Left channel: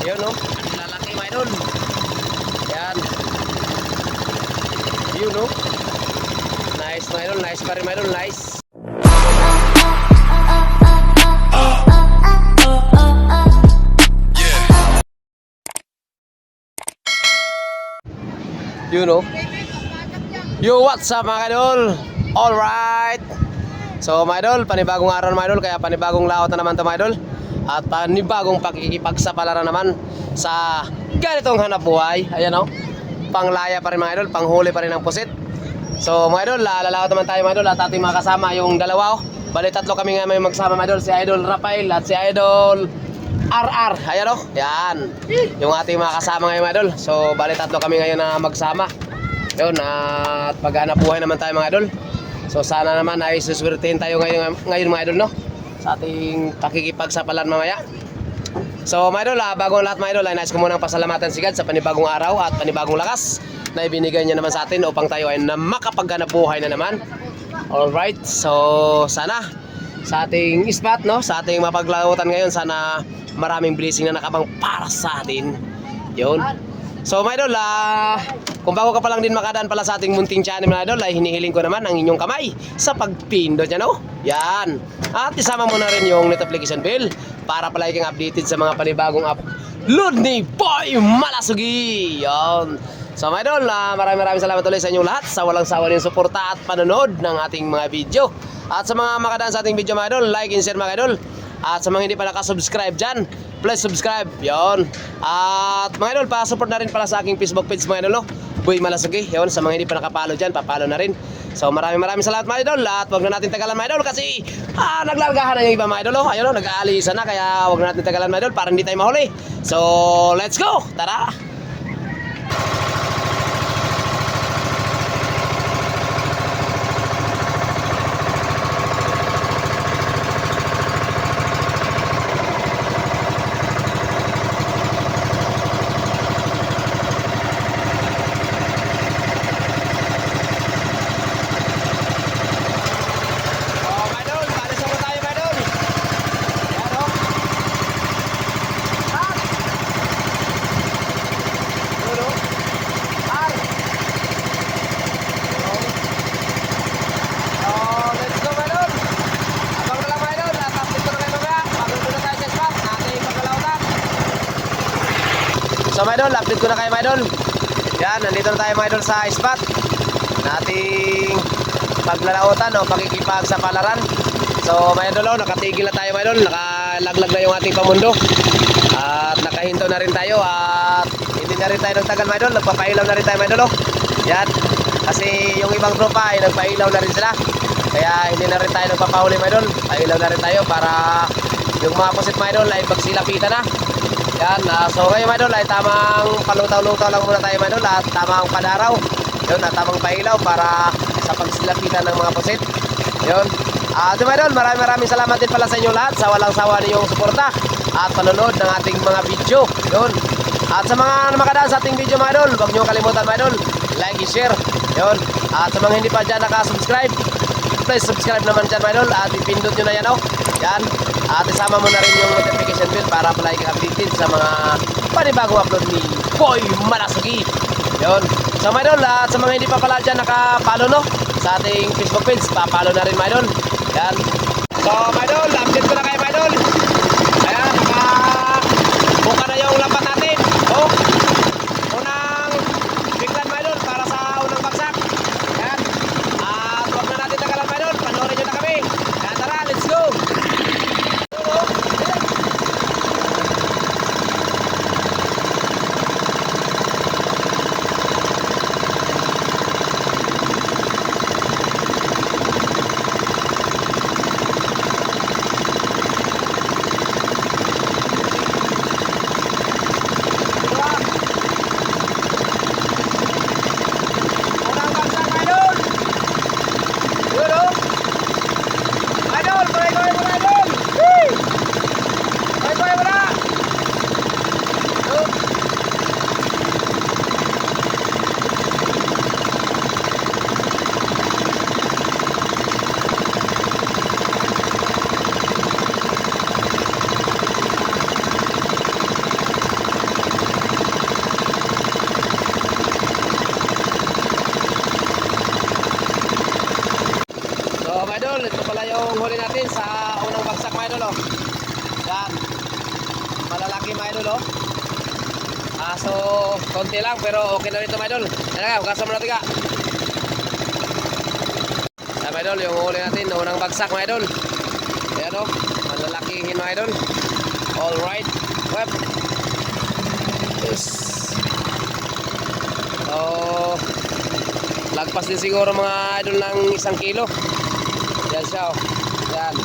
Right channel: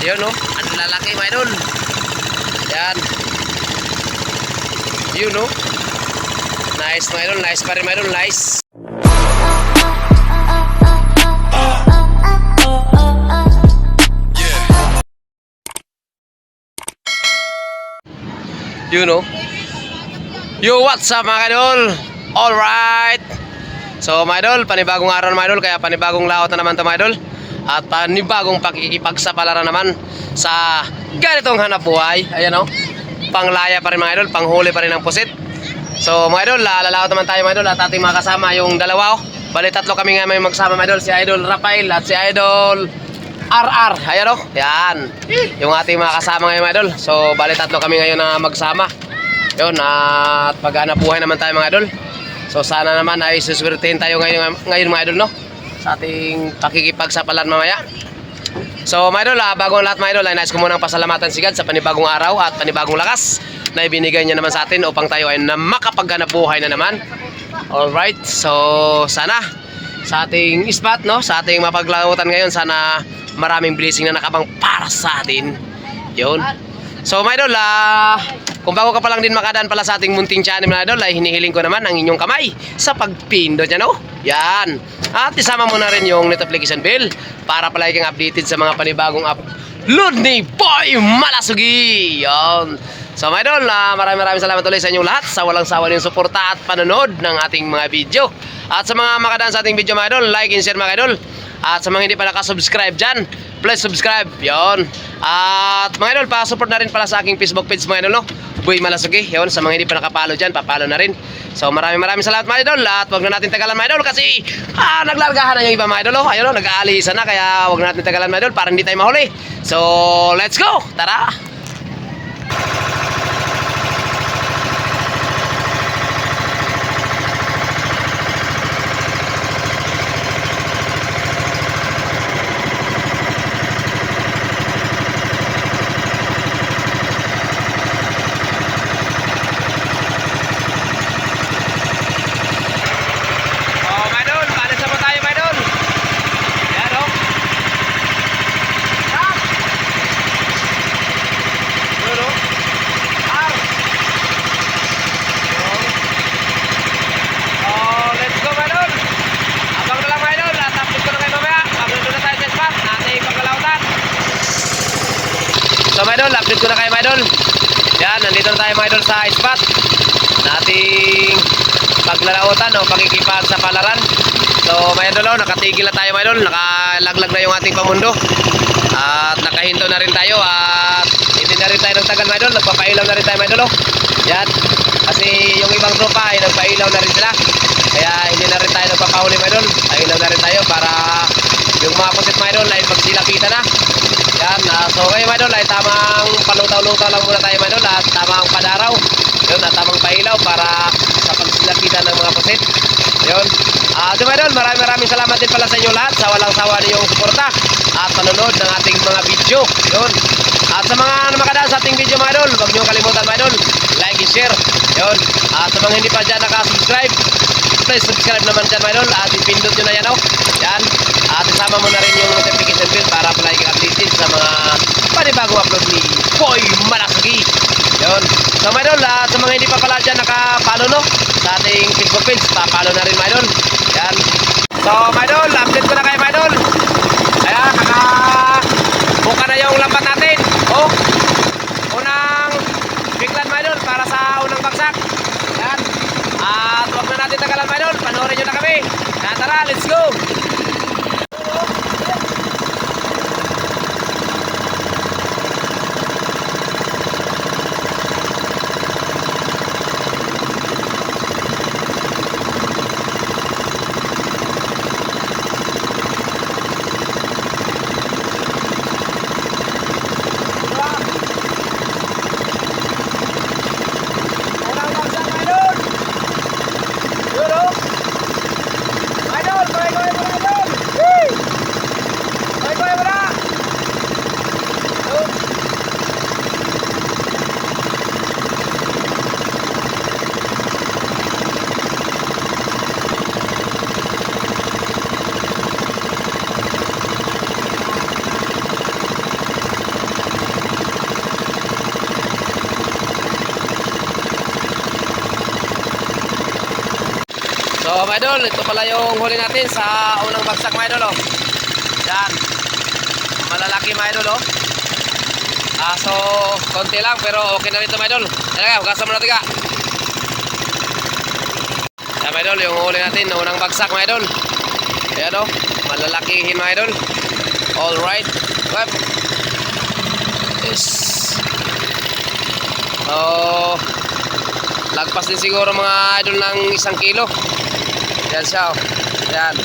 Yun no, ang lalaki mga idol. Yan. Yun no. Nice mga idol, nice pa rin mga idol, nice. You know. Yo, what's up mga idol? Alright. So mga idol, panibagong araw mga idol, kaya panibagong laot na naman to mga idol. At panibagong pakikipagsapalaran naman sa ganitong hanap buhay. Ayan o, panglaya pa rin mga idol, panghuli pa rin ng pusit. So mga idol, lalaot naman tayo mga idol at ating mga kasama yung dalawa o. Bali tatlo kami nga may magsama mga idol, si Idol Rafael at si Idol RR. Ayan o, yan yung ating mga kasama ngayon mga idol. So bali tatlo kami ngayon na magsama. Yun, at paghanap buhay naman tayo mga idol. So sana naman ay suswertehin tayo ngayon mga idol no, sa ating pakikipagsapalaran mamaya. So mga idol, bago ang lahat mga idol, ay nais ko munang pasalamatan si God sa panibagong araw at panibagong lakas na ibinigay niya naman sa atin upang tayo ay makapaghanap buhay na naman. Alright, so sana sa ating spot no, sa ating mapaglautan ngayon, sana maraming blessing na nakabang para sa atin. Yun. So mga idol, kung bago ka pa lang din makadaan pala sa ating munting channel mga idol, ay hinihiling ko naman ang inyong kamay sa pagpindot niya no. Yan. At isama mo na rin yung notification bell para palagi kang updated sa mga panibagong upload ni Boy Malasugi. Yan. So mga idol, maraming salamat ulit sa inyong lahat sa walang sawa niyong suporta at panonood ng ating mga video. At sa mga makadaan sa ating video mga idol, like and share mga idol. At sa mga hindi pa nakasubscribe dyan, please subscribe. Yon. At mga idol, pa-support na rin pala sa aking Facebook page mga idol no, Boy Malasugi. Yon, sa mga hindi pa nakapalo dyan, papalo na rin. So maraming salamat mga idol. At wag na natin tagalan mga idol kasi naglargahan na yung iba mga idol. Ayun no, nag-aalisan na, kaya wag na natin tagalan mga idol para hindi tayo mahuli. So let's go, tara. So mga idol, update ko na kayo mga idol. Yan, nandito na tayo mga idol sa spot nating paglalautan o pakikipagsapalaran. So mga idol, nakatigil na tayo mga idol, nakalaglag na yung ating pamundo. At nakahinto na rin tayo at hindi na rin tayo nagtagal mga idol, nagpapailaw na rin tayo mga idol. Yan, kasi yung ibang tropa ay nagpailaw na rin sila. Kaya hindi na rin tayo nagpapahuli mga idol, pailaw na rin tayo para yung mga pusit mga idol ay magsilapitan na. Yan, so ngayon mga idol ay tamang palutaw-lutaw lang muna tayo mga idol at tamang padaraw. Yun, at tamang pailaw para sa pagsilapitan ng mga pusit. Yun. So mga idol, maraming salamat din pala sa inyo lahat sa walang sawa ninyong suporta at panonood ng ating mga video. Yun. At sa mga makadaan sa ating video mga idol, huwag niyo kalimutan mga idol, like and share. Yun. At sa mga hindi pa dyan nakasubscribe, please subscribe naman dyan mga idol at ipindot nyo na yan o. Yan. At isama mo na rin yung notification bell para palagi kang updated sa mga panibagong upload ni Boy Malasugi. Yun. So mga idol, sa mga hindi pa pala dyan nakapalo no, sa ating Facebook page, papalo na rin mga idol. Yan. So mga idol, update ko na kayo mga idol. Ayan, nakabuka na yung lambat natin. Oh, unang biglan mga idol para sa unang bagsak. Yan. At huwag na natin tagalan mga idol, panoorin nyo na kami. Tara, let's go. So mga idol, ito pala yung huli natin sa unang bagsak mga idol, oh. Yan. Malalaki mga idol, oh. So konti lang pero okay na rin ito mga idol. Talaga, hugasan mo natin ka. Yan mga idol, yung huli natin, unang bagsak mga idol. Ayan, oh. Malalakihin mga idol. Alright. Web. Yes. So lagpas din siguro mga idol ng 1 kilo. Yan siya, oh. Yan.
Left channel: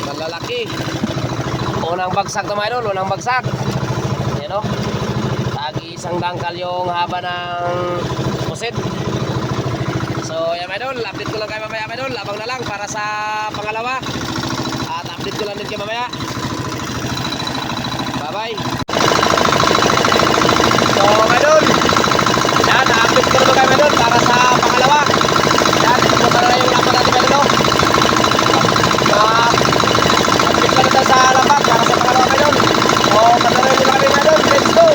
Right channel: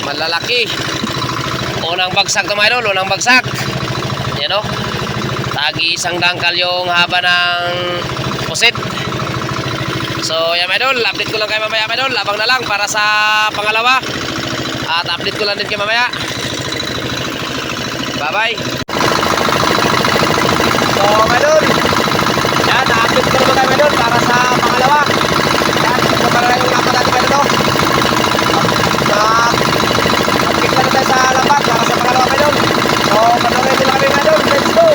Malalaki. Unang bagsak to mga idol, unang bagsak. Yan, oh. Tagi 1 dangkal yung haba ng pusit. So yan mga idol, update ko lang kayo mamaya mga idol. Abang na lang para sa pangalawa. At update ko lang din kayo mamaya. Bye bye. So mga idol, yan, update ko naman kayo mga idol para sa pangalawa. Yan, ito pala na yung lapat natin mga idol. Update na tayo sa lapat para sa pangalawa mga idol. So panoorin nila kami mga idol. Let's go.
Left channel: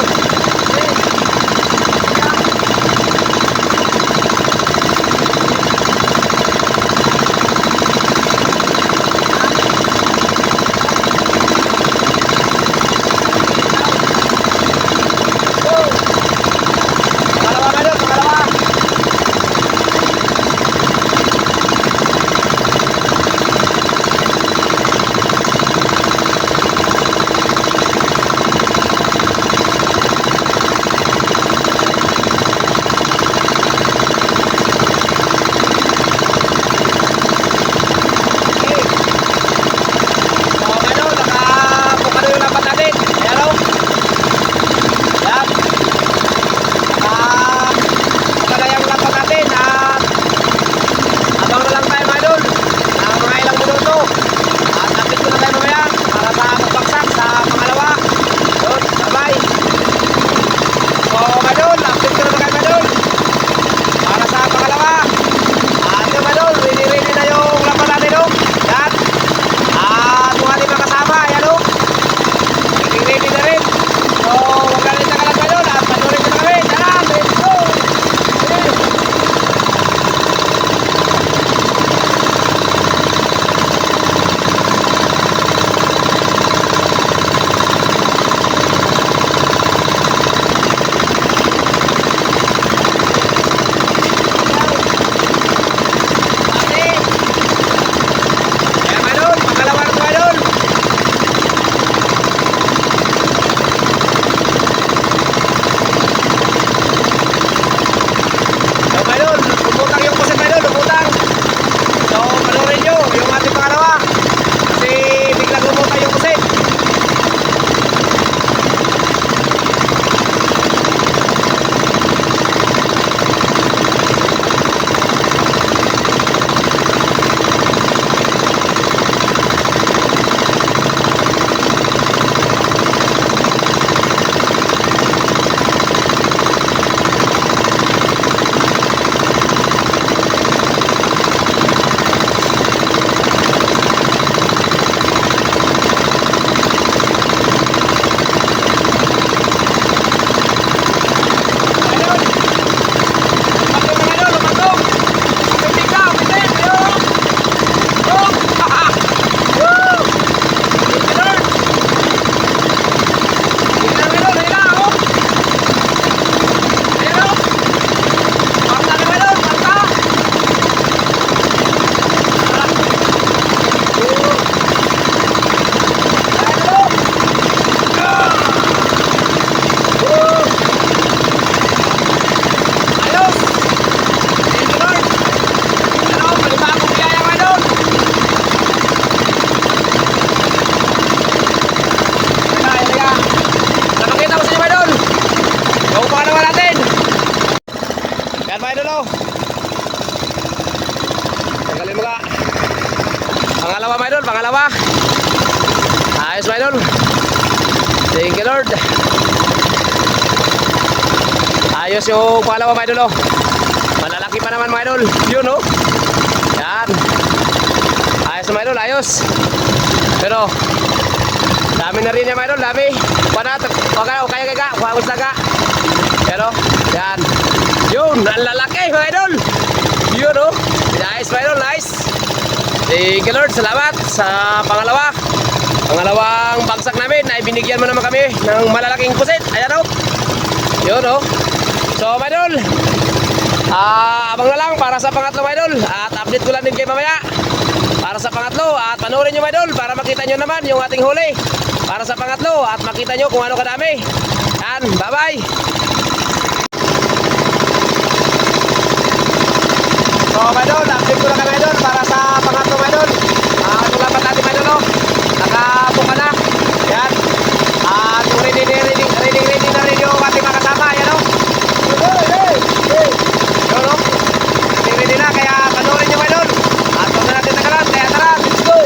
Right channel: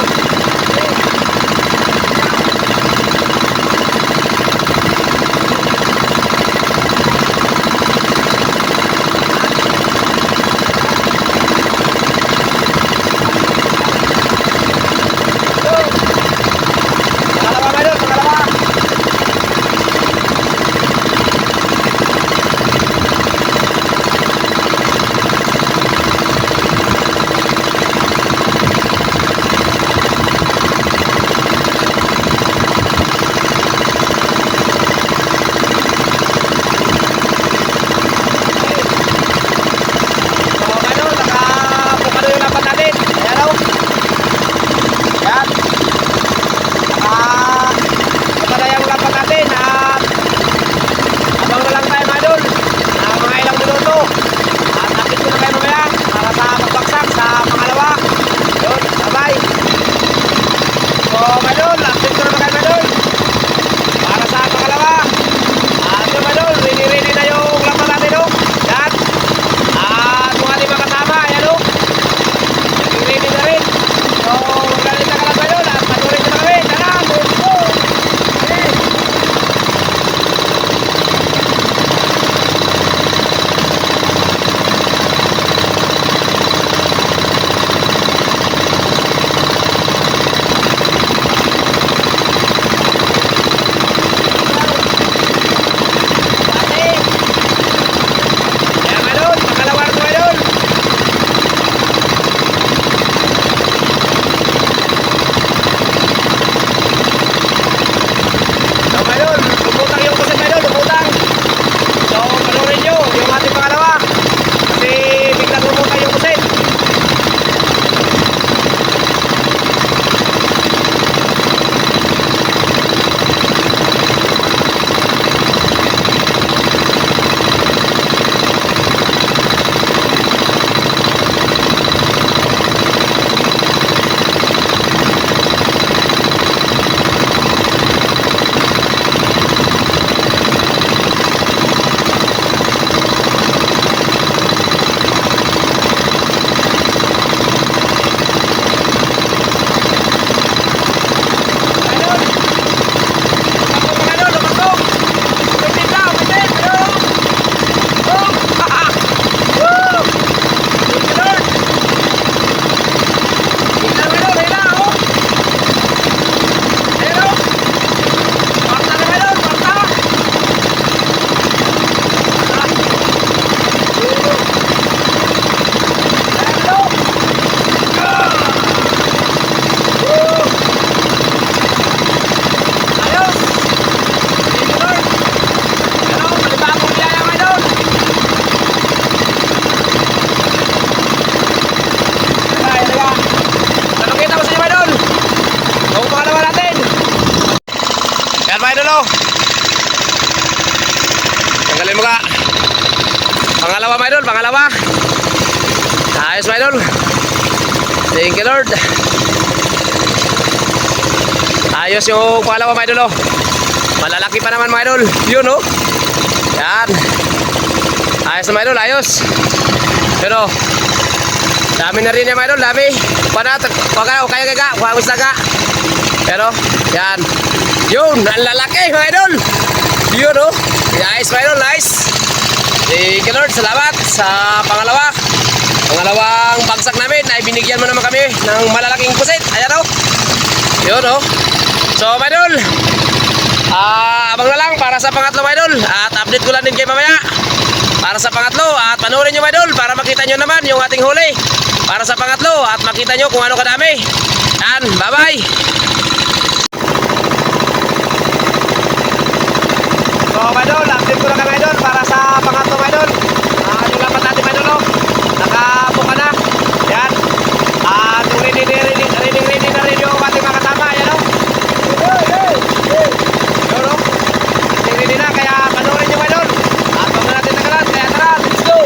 Tanggalin mo ka. Pangalawa mga idol, pangalawa. Ayos mga idol. Thank you Lord. Ayos yung pangalawa mga idol, oh. Malalaki pa naman mga idol. Yun, oh. Yan. Ayos mga idol, ayos. Pero dami na rin yan mga idol, dami. Kaya kuhagos na ka. Pero yan. Yun, ang lalaki mga idol. Yun, oh. Nice mga idol, nice. Thank you Lord, salamat sa pangalawang bagsak namin ay binigyan mo naman kami ng malalaking pusit. Ayan o. Yun o. So mga idol, abang na lang para sa pangatlo mga idol. At update ko lang din kayo mamaya para sa pangatlo. At panoorin nyo mga idol para makita nyo naman yung ating huli para sa pangatlo. At makita nyo kung ano kadami. Yan, bye bye. So mga idol, update ko lang mga idol para sa pangatlo mga idol. Yung lapat natin mga idol o, nakabuka na. Yan. At yung ready na rin yung ating mga kasama. Yan o. Yun o. Ready na, kaya panoorin nyo mga idol. At huwag na natin nagalan, kaya tara, let's go.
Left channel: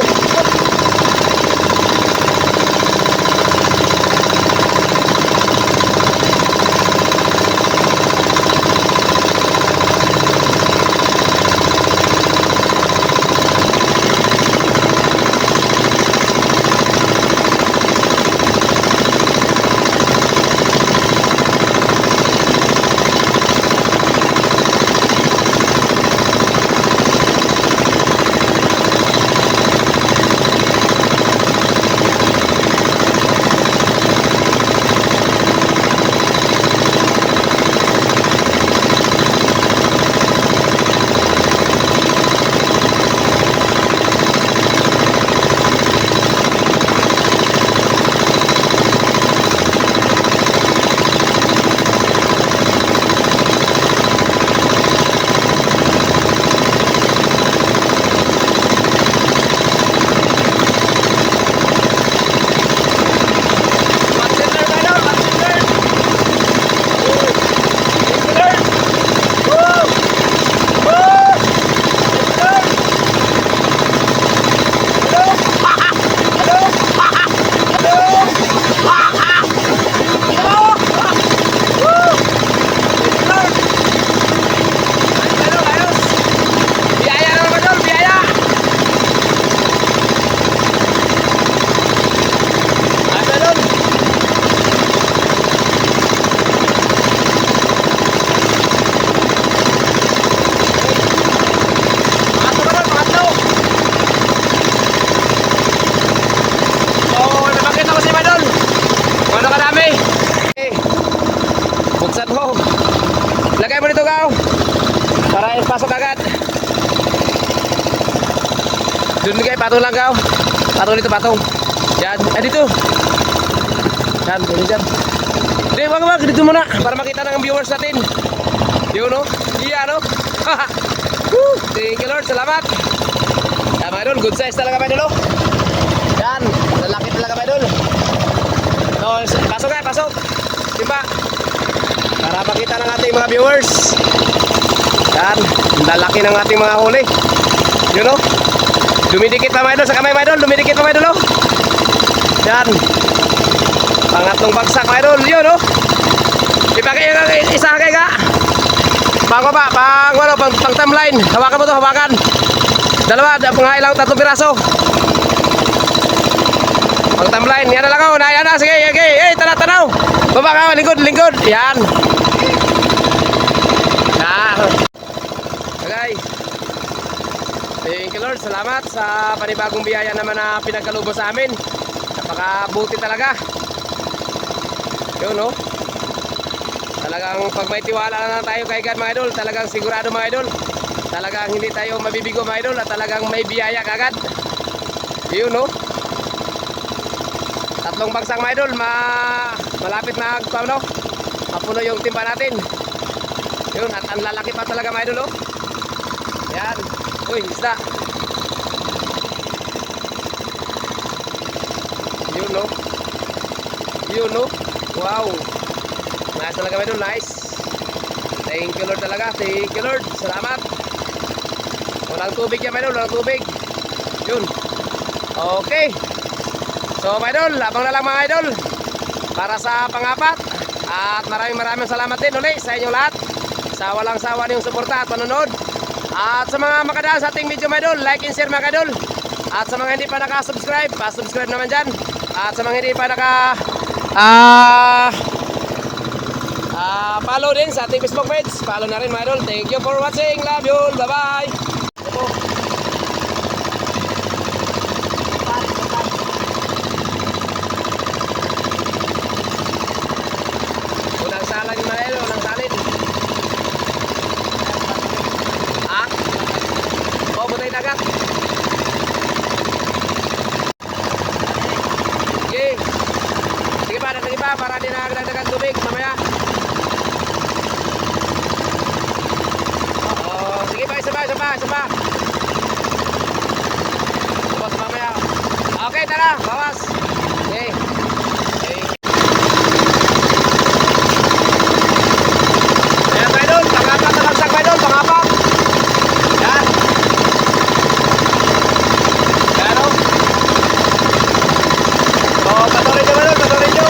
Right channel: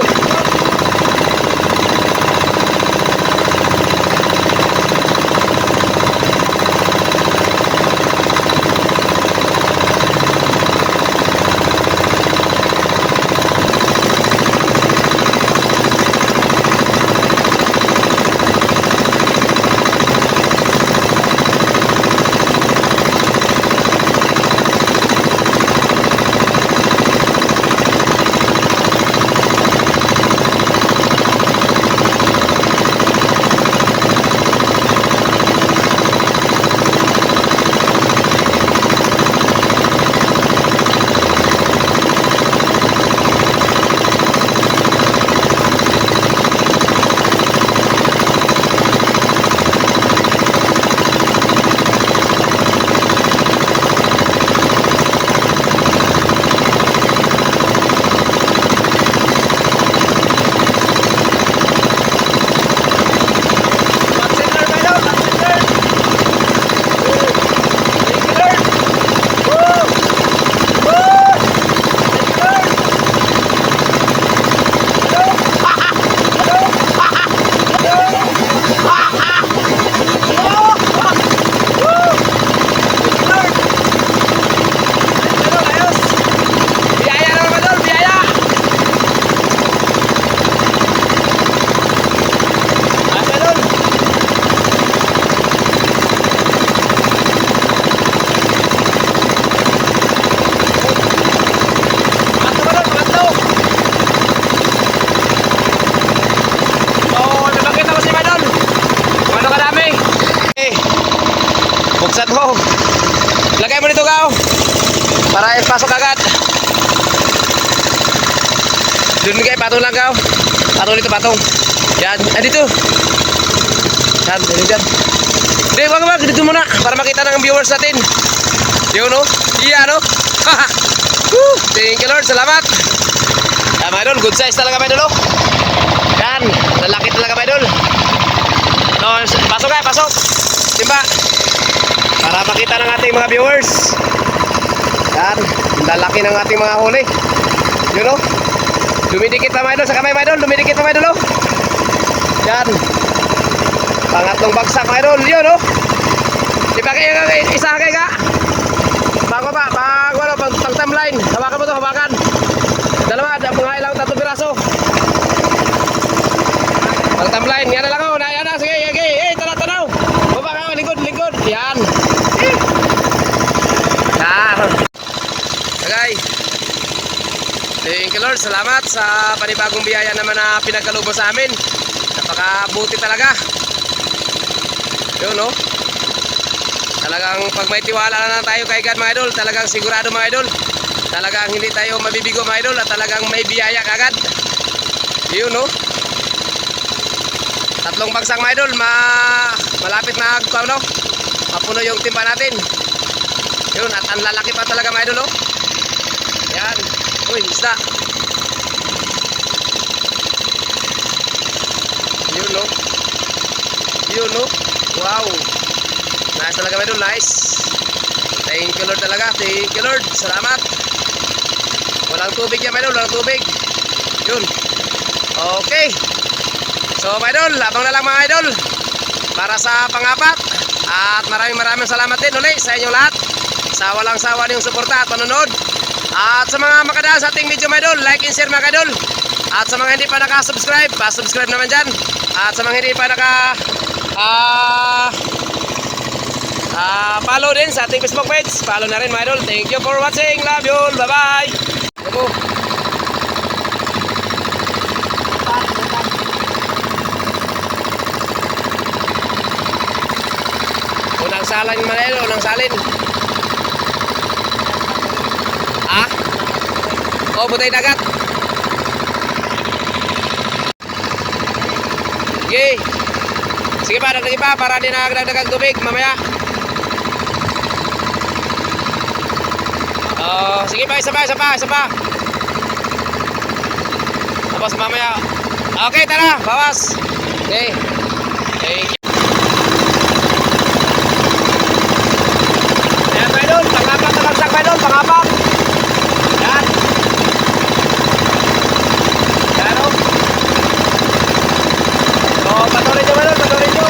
Buksan mo. Lagay mo dito kao para pasok agad. Doon kayo, patong lang kao. Patong dito, patong. Yan, dito. Yan, dyan. Hindi, wag, dito muna para makita ng viewers natin. Yun no? Iya no? Thank you Lord, salamat. Yan mga idol, good size talaga mga idol. Yan, lalaki talaga mga idol. No, pasok kayo, pasok. Timba. Para makita ng ating mga viewers. Yan, lalaki ng ating mga huli. Yun o. Dumidikit pa mga idol sa kamay mga idol. Dumidikit pa mga idol o. Yan. Pangatlong bagsak mga idol. Yun o. Ipakay isa kay ka. Pang timeline. Hawakan mo to, hawakan. Dalawa, mga ilang tatlong piraso. Pang timeline. Yan na lang o. Yan na, sige. Tanaw. Baba ka, lingkod. Yan. Okay. Thank you Lord, salamat sa panibagong biyaya naman na pinagkaloob sa amin. Napakabuti talaga. Yun no. Talagang pag may tiwala na tayo kay God mga idol, talagang sigurado mga idol. Talagang hindi tayo mabibigo mga idol at talagang may biyaya kagad. Yun no. Tatlong bagsak mga idol, malapit na mapuno yung timba natin. Yun, at ang lalaki pa talaga mga idol oh. Yan. Uy, isda. Yun no. Wow. Nice talaga mga idol, nice. Thank you Lord talaga. Thank you Lord, salamat. Walang tubig yan mga idol, walang tubig. Yun. Okay. So mga idol, abang na lang mga idol para sa pangapat. At maraming salamat din ulit sa inyong lahat sa walang sawa niyong suporta at panonood. At sa mga makadaan sa ating video mga idol, like and share mga idol. At sa mga hindi pa naka-subscribe, pa-subscribe naman dyan. At sa mga hindi pa follow din sa ating Facebook page, follow na rin mga idol. Thank you for watching, love you all, bye bye. tayong dagat. Sige. Sige pa, dagdagin pa para di nagdagdagang tubig mamaya. Sige pa, isa pa. Tapos mamaya. Okay, tara, bawas. Okay. Thank you. Ayan, mga idol, pangapat na bagsak, mga idol, pangapat. Yan. Yan, o. So, patuloy nyo, mga idol, patuloy nyo.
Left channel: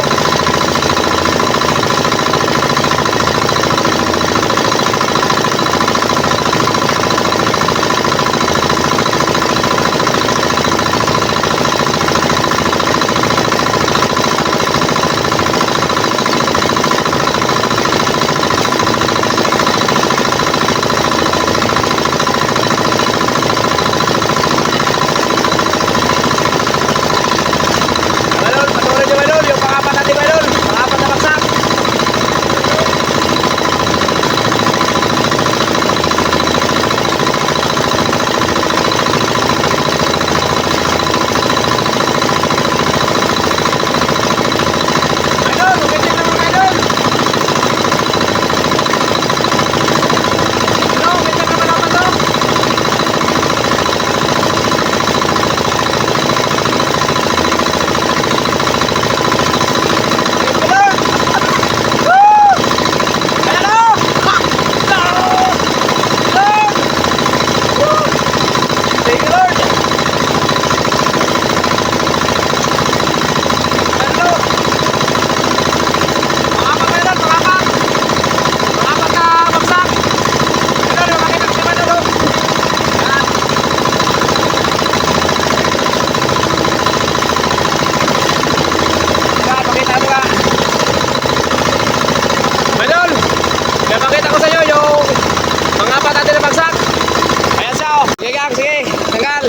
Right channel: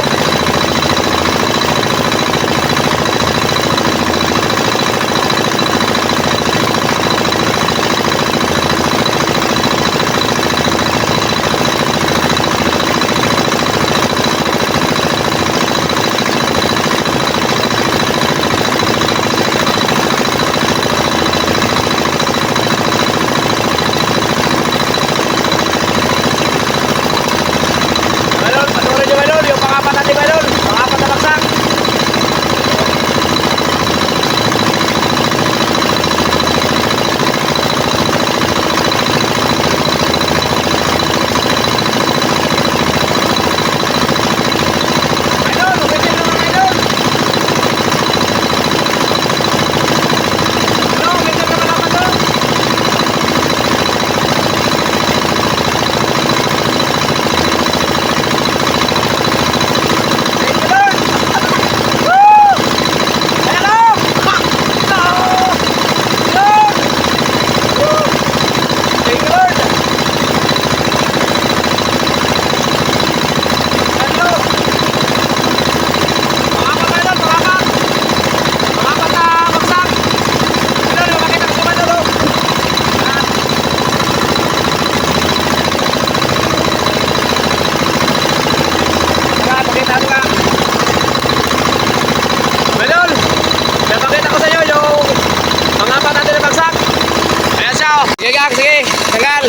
Sige gang, sige, tanggal.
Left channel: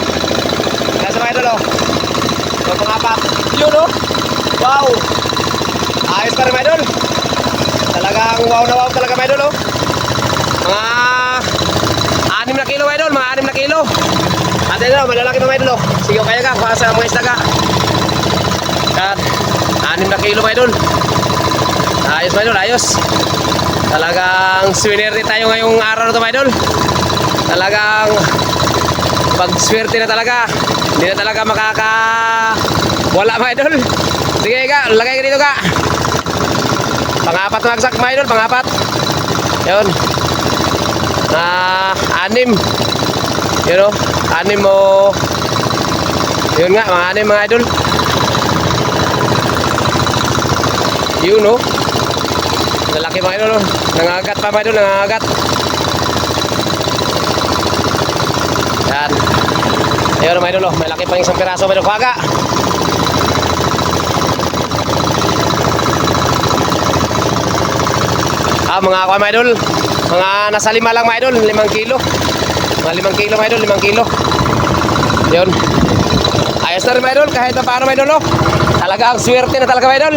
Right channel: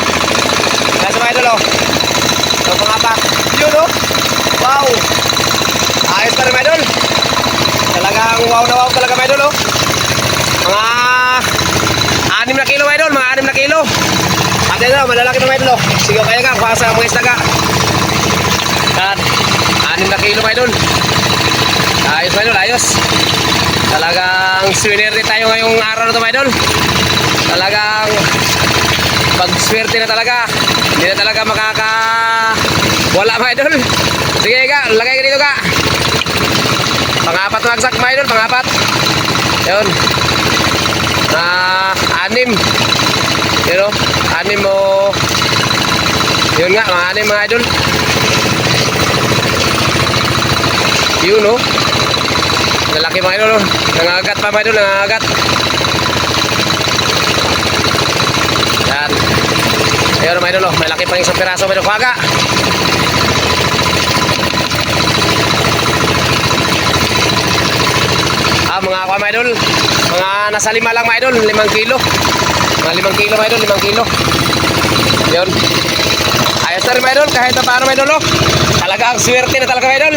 Ayan sa mga idol, oh. So, pangapat. Yun, oh. Wow. Ayos pa rin, mga idol. Talagang wow na wow talaga, mga idol, oh. Mga 6 na kilo, mga idol. Mga 6 na kilo. At yun, oh, malalaki na, mga idol, oh. Sige, kaya gang, kuha sa mga islaga. At 6 na kilo, mga idol. Ayos, mga idol, ayos. Talagang swinner din tayo ngayong araw na ito, mga idol. Talagang pag-swerte na talaga. Hindi na talaga wala, mga idol. Sige ka, lagay ka dito ka. Pangapat na bagsak, mga idol, pangapat. Yun. 6. Yun, o. 6 mo. Yun nga, mga 6, mga idol. Yun, o. Lalaki, mga idol, o. Nangagat pa, mga idol, nangagat. Yan. Ayun, mga idol, may laki pa rin isang piraso, mga idol. Kuhaga. Mga ako, mga idol. Mga nasa 5 lang, mga idol. 5 kilo. Mga 5 kilo, mga idol. 5 kilo. Yun. Ayos na rin, mga idol. Kahit na paano, mga idol, oh. Talaga ang swerte na talaga, mga idol.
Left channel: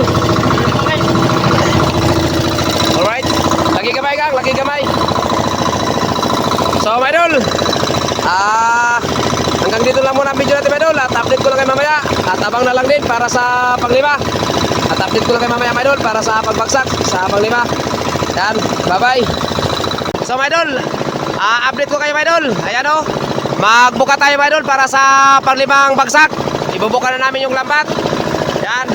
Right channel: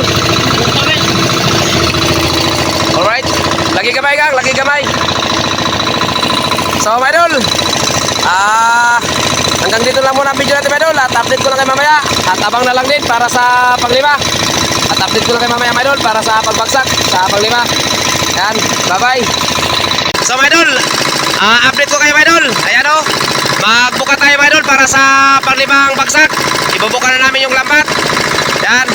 Alright. Lagi gamay, gang. Lagi gamay. So, mga idol. Hanggang dito lang muna ang video natin, mga idol. At update ko lang kayo mamaya. At abang na lang din para sa panglima. At update ko lang kayo mamaya, mga idol, para sa pagbagsak sa panglima. Yan, bye bye. So, mga idol, update ko kayo, mga idol. Ayan, o, magbuka tayo, mga idol, para sa panglimang bagsak. Ibubuka na namin yung lambat. Yan.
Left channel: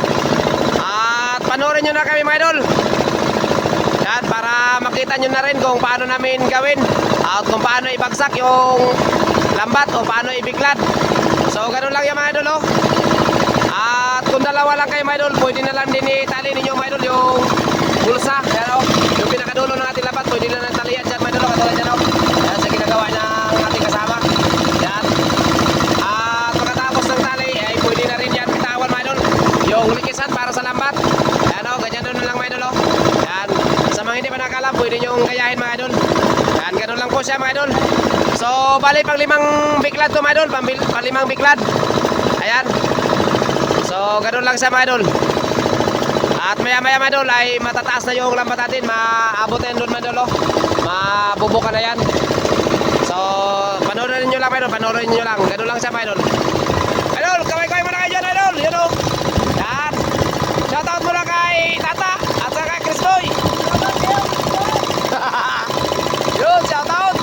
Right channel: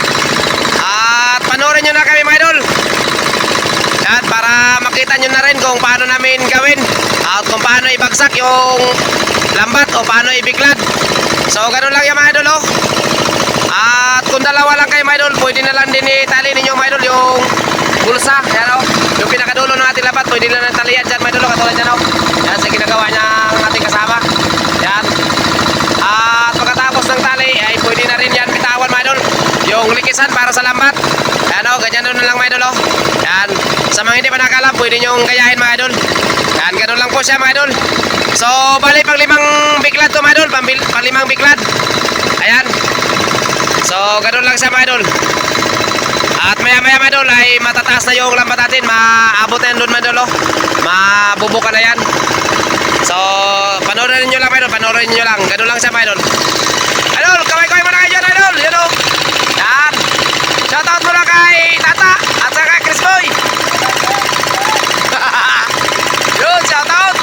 At panoorin nyo na kami, mga idol. Yan, para makita nyo na rin kung paano namin gawin at kung paano ibagsak yung lambat o paano ibiglad. So, ganun lang yung, mga idol, oh. At kung dalawa lang kayo, mga idol, pwede na lang din itali ninyo, mga idol, yung bulsa. Yan, oh. Yung pinakadulo ng ating lambat, pwede na lang talian dyan, mga idol, katulad dyan, oh. Yan, sa ginagawa niya ang ating kasama. Yan. At pagkatapos ng tali, ay pwede na rin yan bitawan, mga idol, yung likisan para sa lambat. Yan, oh, ganyan na lang, mga idol, oh. Yan. Sa mga hindi pa nakalam, pwede nyong gayahin, mga idol. Yan, ganun lang po siya, mga idol. So, bali pang 5 biklad to, mga idol. Pang 5 biklad. Ayan. So, ganun lang siya, mga idol. At maya-maya, mga idol, ay matataas na yung lambat natin. Maabot na yan doon, mga idol, oh. Mabubuka na yan. So, So, panoorin nyo lang, mga idol. Panoorin nyo lang. Ganun lang siya, mga idol. Idol, kaway-kaway muna kayo dyan, idol. Yun o. Yan. Shoutout muna kay Tata at saka kay Chris Boy. Yun, shoutout.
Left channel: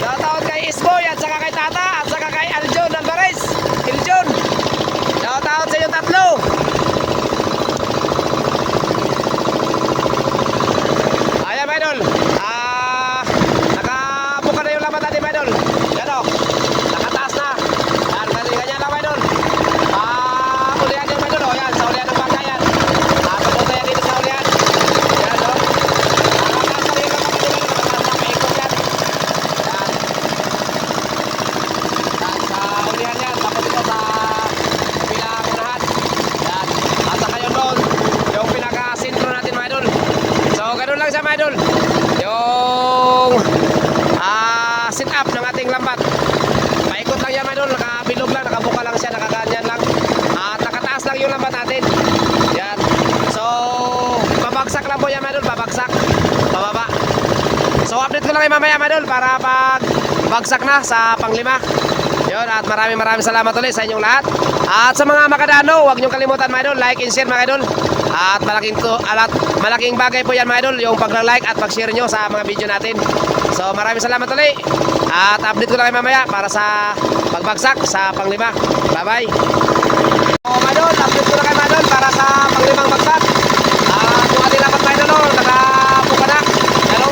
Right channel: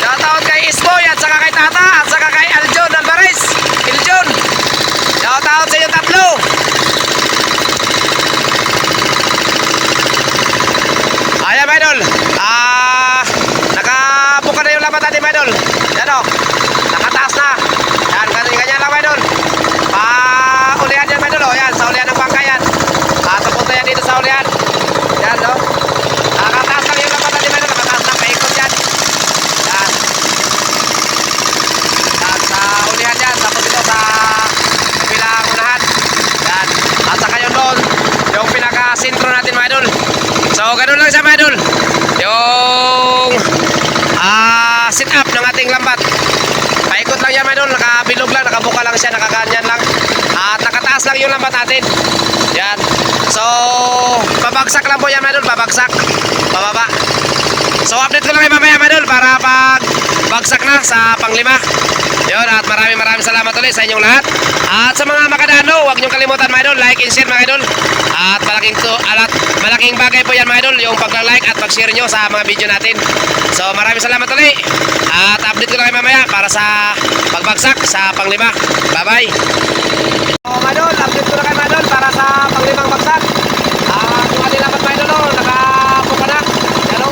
Shoutout kay Isboy at saka kay Tata at saka kay Aljon Alvarez. Iljon. Shoutout sa inyong tatlo. Ayan, mga idol. Nakabuka na yung lamat natin, mga idol. Yan o. Nakataas na. Yan, ganyan lang, mga idol. Ulihan yan, mga idol. O, yan, sa ulihan ng bangka yan. Tupunta yan dito sa ulihan. Yan, o. Nakataas lang yung lamat natin, mga idol. Nakataas na, paikot yan. Yan. Yan, sa ulihan yan. Tapos dito sa kabilang unahan. Yan. At saka yun doon, yung pinaka-sintro natin, mga idol. So, ganun lang siya, mga idol. Yung sit up ng ating lambat. Paikot lang yan, mga idol. Nakabilog lang, nakabuka lang siya, nakaganyan lang. At nakataas lang yung lambat natin. Yan. So, babagsak lang po yan, mga idol. Babagsak. Bababa. So, update ko lang kayo mamaya, mga idol, para pag bagsak na sa panglima. Yun, at maraming salamat ulit sa inyong lahat. At sa mga makadano, huwag niyong kalimutan, mga idol, like and share, mga idol. At malaking bagay po yan, mga idol, yung pag-like at pag-share nyo sa mga video natin. So, maraming salamat ulit. At update ko lang kayo mamaya para sa pagbagsak sa panglima. Bye-bye. So, mga idol, update ko lang kayo, mga idol, para sa panglimang bagsak. Yung ating dapat, mga idol, nakapuka na. Ano?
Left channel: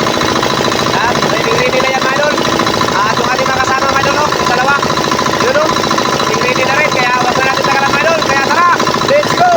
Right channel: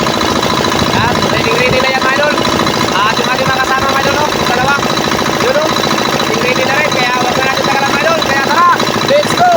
At ready na yan, mga idol. At yung ating mga kasama, mga idol, yung dalawa. Yun, ready na rin. Kaya wag na natin tagalan, mga idol. Kaya tara, let's go!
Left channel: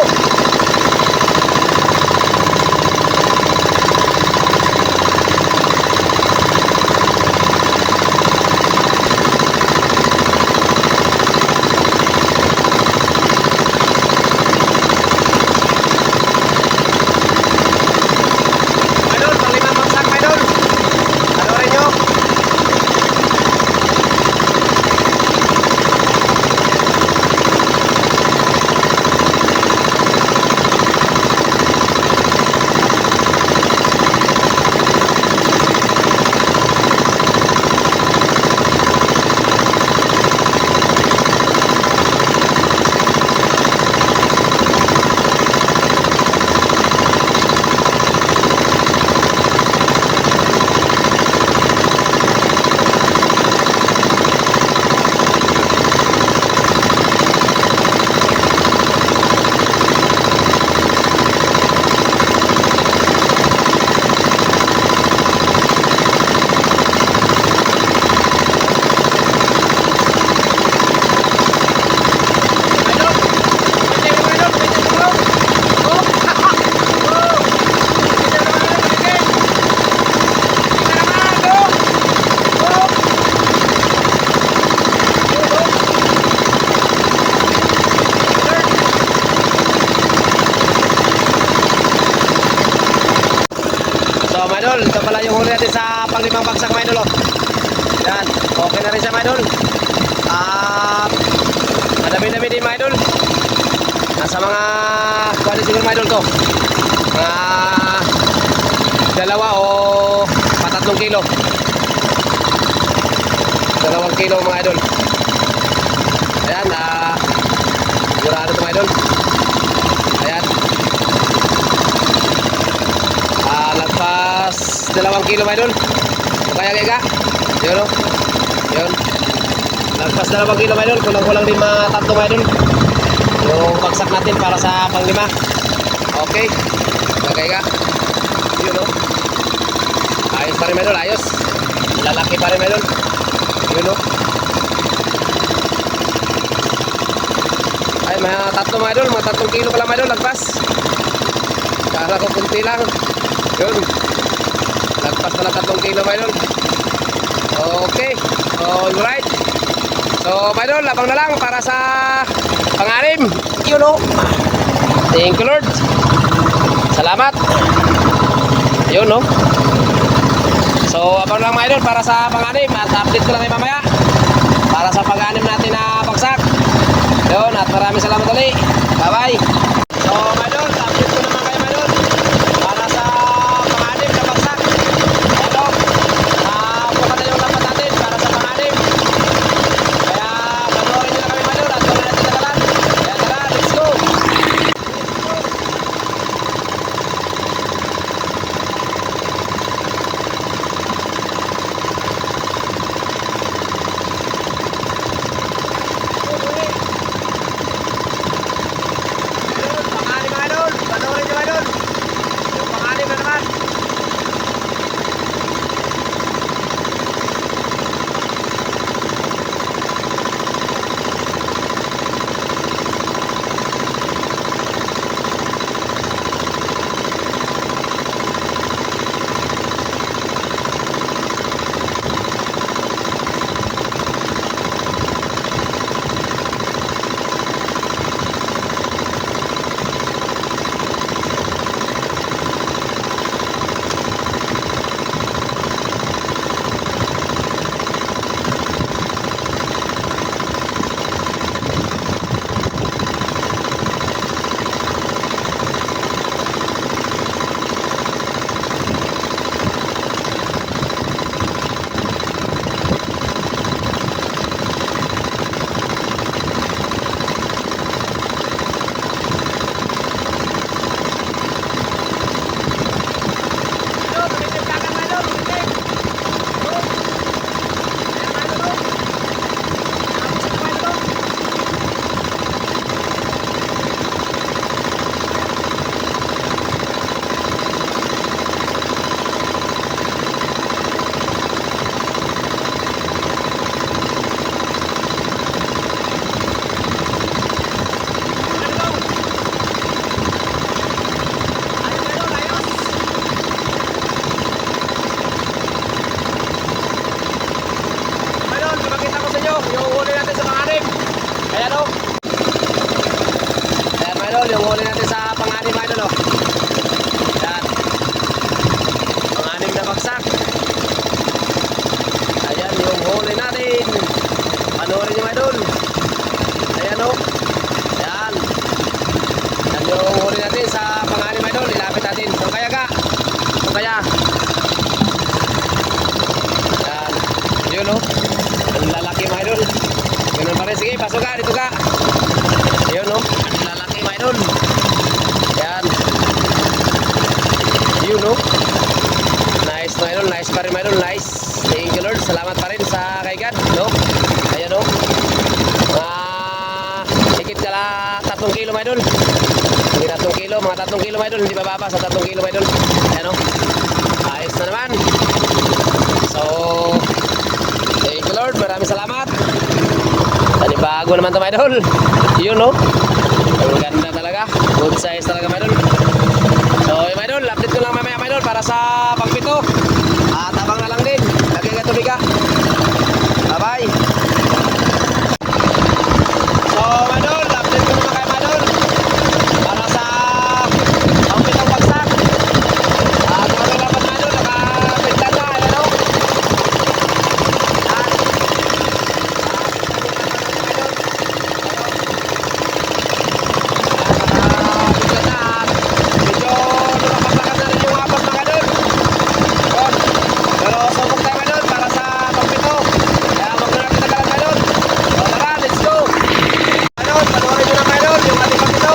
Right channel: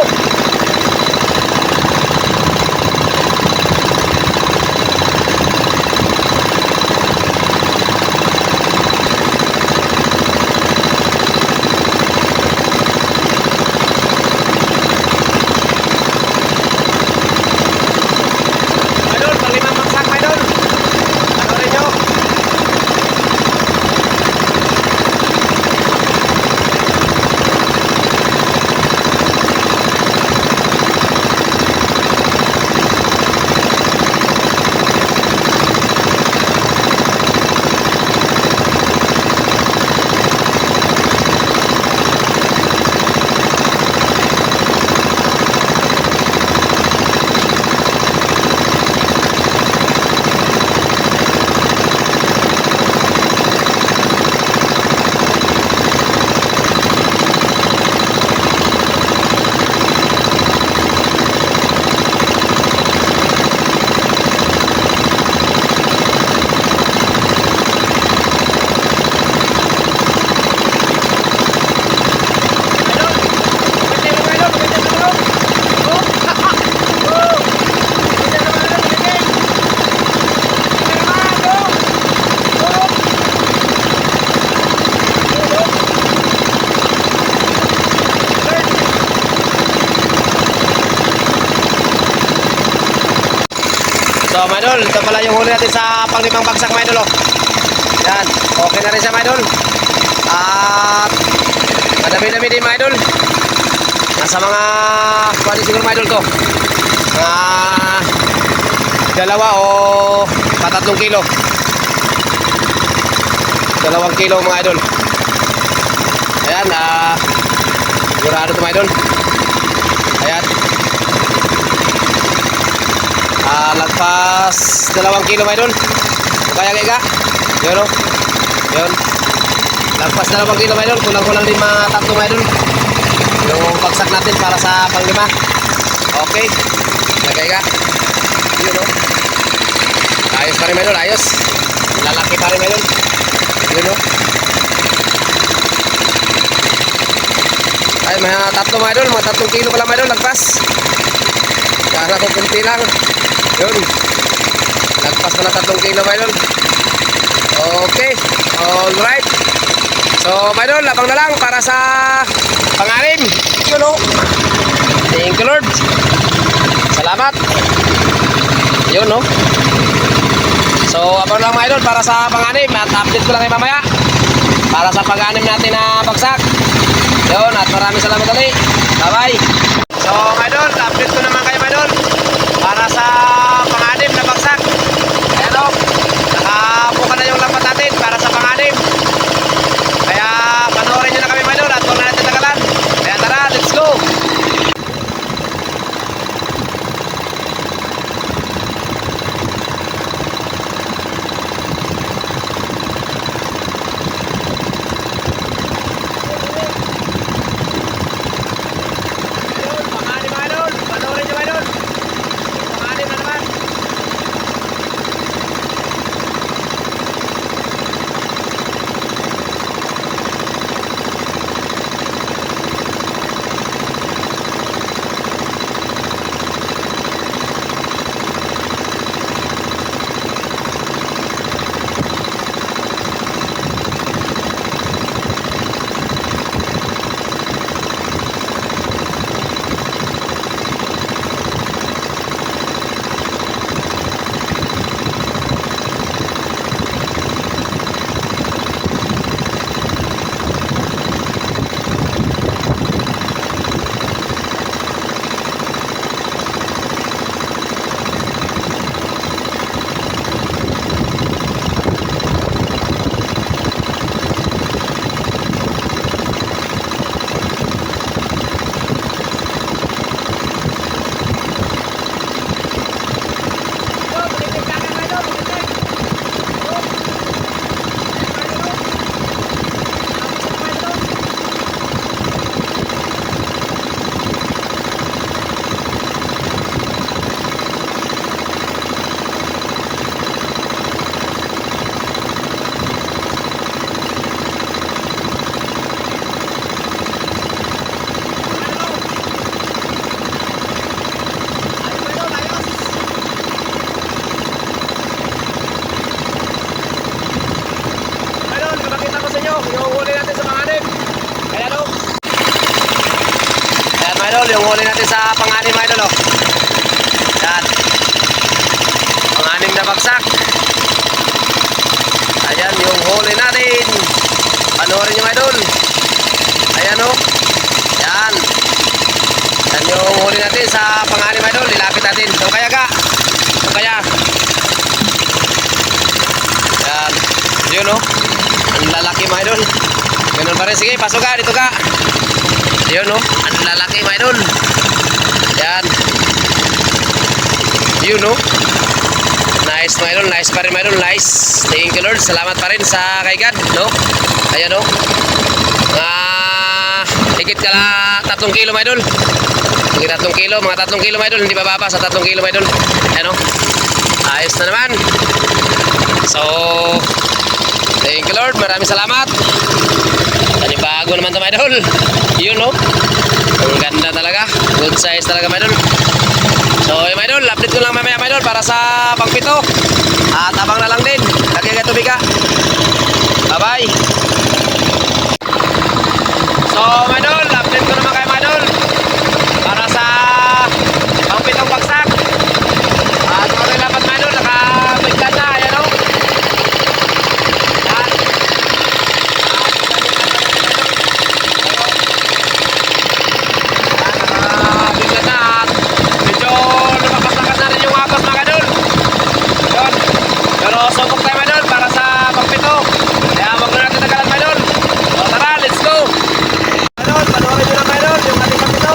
So, mga idol, ito pala yung huli natin sa panglimang bagsak, mga idol. Yan, okay na rin siya, mga idol. At madami-dami din, mga idol. Nasa mga pwede siguro, mga idol, to dalawa o patatlong kilo. 2 kilo, mga idol. Ayan, sigurado ito, mga idol. Ayan. Lagpas 2 kilo, mga idol. Kaya kaya yun o. Yun. Lagpas 2 kilo, mga idol. Kulang-kulang din mga 3, mga idol. Yung bagsak natin para sa panglima. Okay. Kaya kaya. Yun o. Ayos pa rin, mga idol. Ayos. Lalaki pa rin, mga idol. Yun o. Ay, mga 3, mga idol. Mga 3 kilo pala, mga idol. Lagpas. Kala ko kunti lang. Yun. Lagpas pala 3 kilo, mga idol. Okay. Alright. So, mga idol, labang na lang para sa pang-anim. Yun o. Thank you, Lord. Salamat. Yun o. So, abang lang, mga idol, para sa pang-anim. At update ko lang kayo mamaya para sa pang-anim natin na bagsak. Yun. At maraming salamat ulit. Bye-bye. So, mga idol, update ko naman kayo, mga idol, para sa pang-anim na bagsak. Ayan o. Nakabuka na yung lambat natin para pang-anim mga idol, oh. Yan. Pang-anim na bagsak. Ayan yung huli natin. Panoorin nyo mga idol. Ayan, oh. Yan. Yan yung huli natin sa pang-anim mga idol. Ilapit natin. So kaya ka. So kaya. Yan. Yun, oh. Ang lalaki mga idol. Ganun pa rin. Sige, pasok ka. Dito ka. Yun, oh. Ang lalaki mga idol. Yan. Yun, oh. Nice mga idol. Nice pa rin mga idol. Nice. Thank you Lord. Salamat pa rin sa kay God, no? Ayan, oh. Higit ka lang 3 kilo mga idol. Higit 3 kilo. Mga 3 kilo mga idol. Hindi bababa sa 3 kilo mga idol. Ayan, oh. Ayos na naman. So, thank you Lord. Maraming salamat. Panibago naman ito mga idol. Yun, no? Ang ganda talaga. Good size talaga mga idol. So mga idol, update ko lang mamaya mga idol para sa pangpito. At abang na lang din. Lagay ka tubig ka. Bye bye. So mga idol, update ko naman kayo mga idol para sa pangpitong bagsak. At okay lapat mga idol, nakabigla na. Ayan, no? Pero subok tayo mga idol para sa pagpito. Kaya wag na natin tagalan mga idol. So tara, let's go. Mga idol, panoorin nyo na mga idol yung ating pagpito.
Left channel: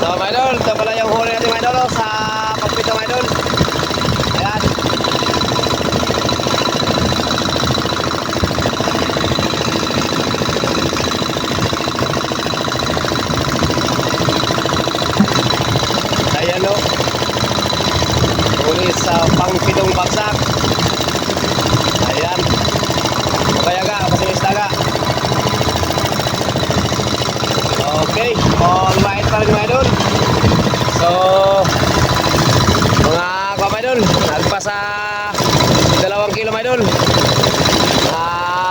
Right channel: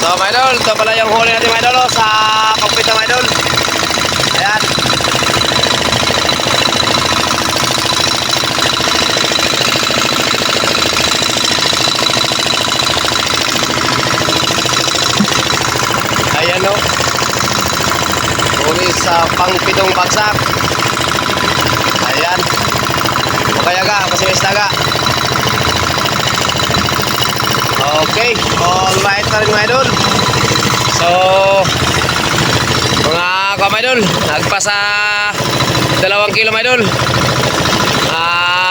So mga idol, ito pala yung huli natin mga idol oh, sa pampito mga idol. Ayan. Ayan o. Huli sa pangpitong bagsak. Ayan. Kaya ga, pasimis taga. Okay, alright na rin mga idol. So, mga mga idol, nagpasa 2 kilo mga idol.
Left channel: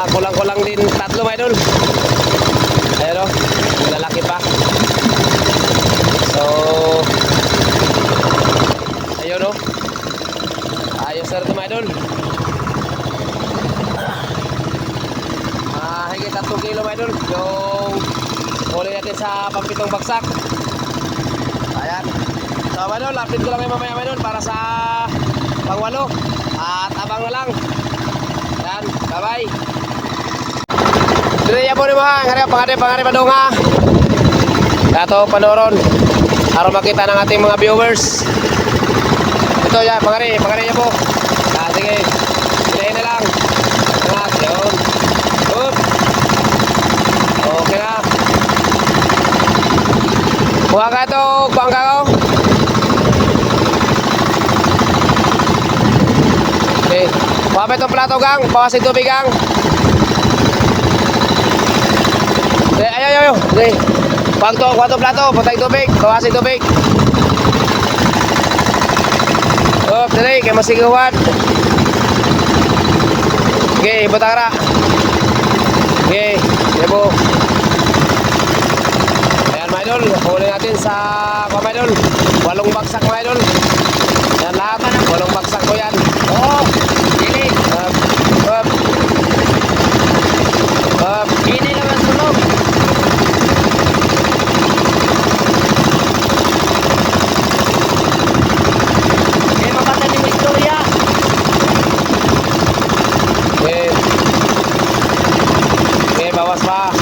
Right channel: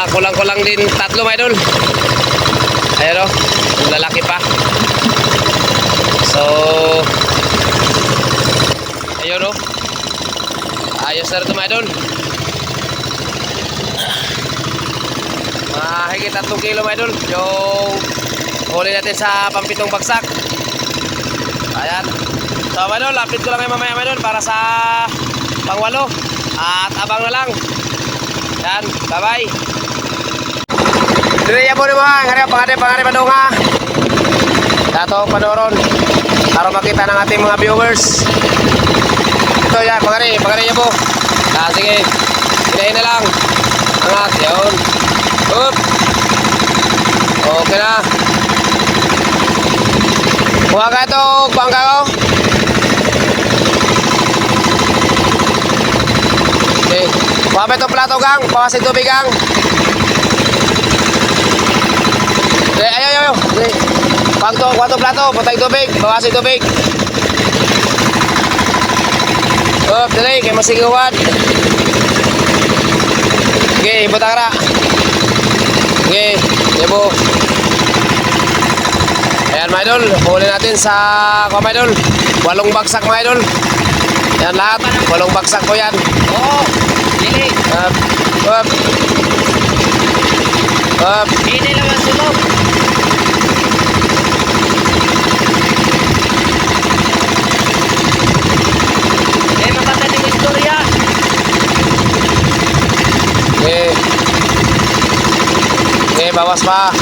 Kulang-kulang din 3 mga idol. Ayan o, lalaki pa. So, ayun o. Ayos na rin mga idol. Higit 3 kilo mga idol yung huli natin sa pampitong bagsak. Ayan. So mga idol, update ko lang kayo mamaya mga idol para sa pang-8 at abang na lang. Ayan, bye bye. Diriya po naman, pangari pa doon nga. Dato panoron para makita ng ating mga viewers. Ito yan, pangari niya po. Sige, hinahin na lang. Angat, yun. Up. Okay na. Kuha ka ito, kuha ka ko. Okay. Kuha ka ito plato gang, bawasin tubig gang. Ay. Okay. Kuha ito plato, putay tubig, bawasin tubig. Up, dali, kaya masigawan. Okay, butara. Okay, debo. Ayan mga idol, huli natin sa mga idol 8 bagsak mga idol. Ayan lahat, 8 bagsak ko yan. Oh, dili. Up. Dili lang ang sulog. Eh, mapataling istorya. Okay. Okay, bawas pa.